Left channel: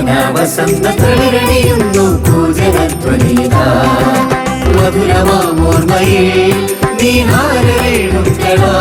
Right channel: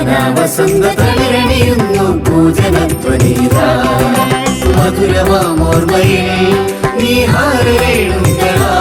പൂജന വസന്ത തളരണിയുന്നു പൂജനത്വനീത മധുരമാമോർമ്മയിൽ നീ ഹാരേടും കടാ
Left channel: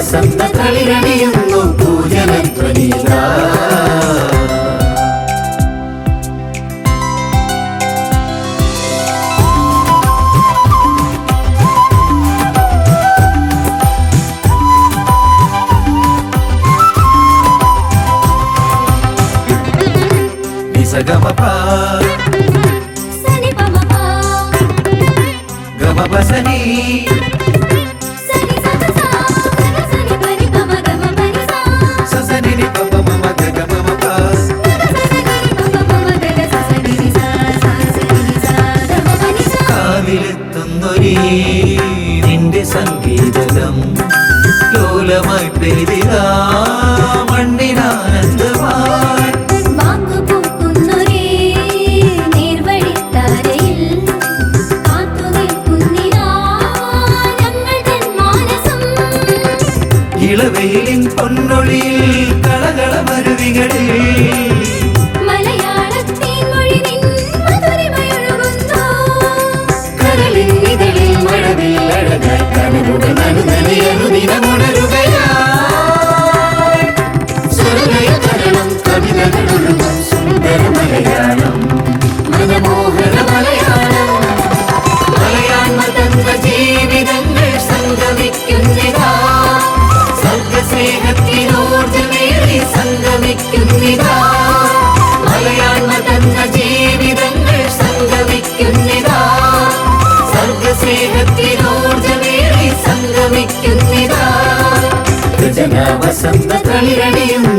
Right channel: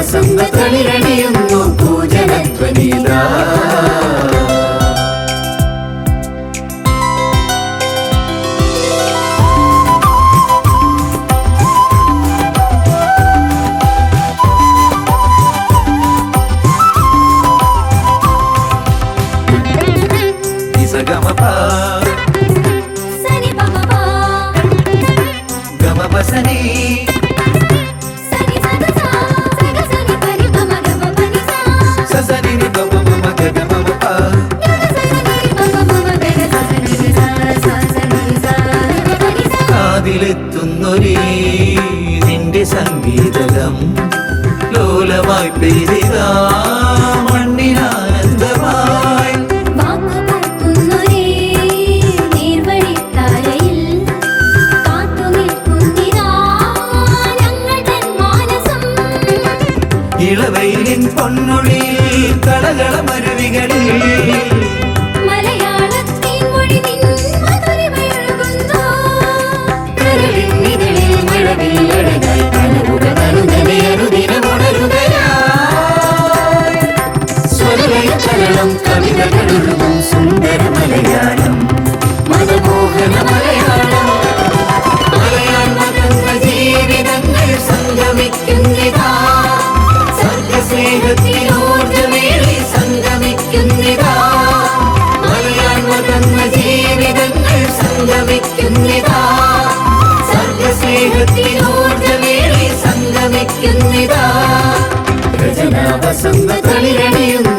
വസന്ത കളിരണയുന്നു പൂജനധ്വനിത നിന്നൊരേ നിന്റെ സംഗീതകം ലോലമായി പെരുതിതാ മണ്ണിനാനന്ദമായി. ഇളവയിലിൻ പൊന്നൊളിയിൽ കളകളമരുവി வசந்த தளிரணியும்